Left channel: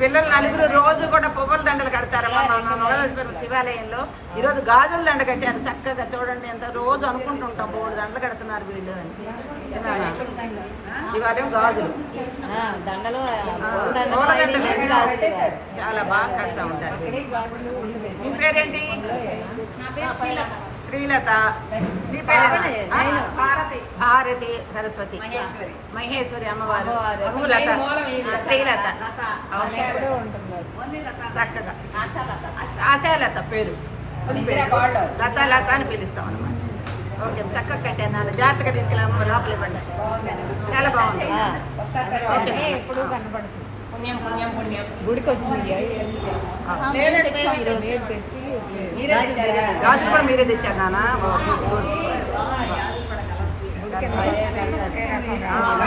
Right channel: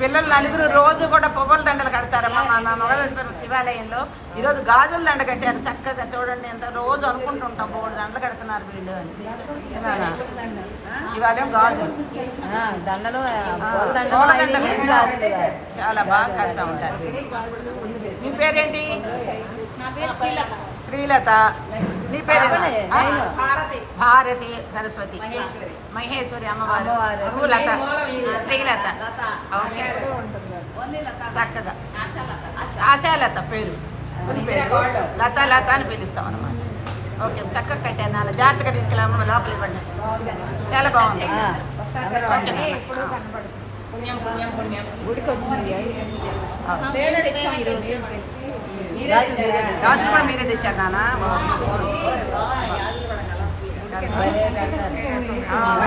పిల్లలు నలుగురు రోజు కూడా పువ్వుల దండలు కడతారమ్మా. మా మా మొగల శివాలయంలో ఈరోజు గాజుల దండ కట్టారు. చక్కగా చూడండి ఎంత రోజు అనుకుంటుంటాం మూడు దండలు కడుతున్నారు వీళ్ళు అని? ఇవాళ గాజులు. పూల దండలు. చాలా బాగా కడతా ఉంటారు వీళ్ళు. మీ పేరేంటి? శ్రీలత. నీ పేరేంటి ఆ? భారతి సరస్వతి. మహేశ్వరి. అమ్మవారు. నువ్వు లత శ్రీలత. ఓకే. చక్కగా. ఆశాలత. పేరు. పేరు. లత లత అని పిలుస్తాం అనమాట ఓకే చక్కగా కట్టాను నాన్న. జాగ్రత్తగా తీసుకెళ్ళాము లోపల ఇవ్వండి. చాలా బాగుంది. ఓకే. గాజులు కూడా మీరే తెచ్చారు నాన్న. Ah,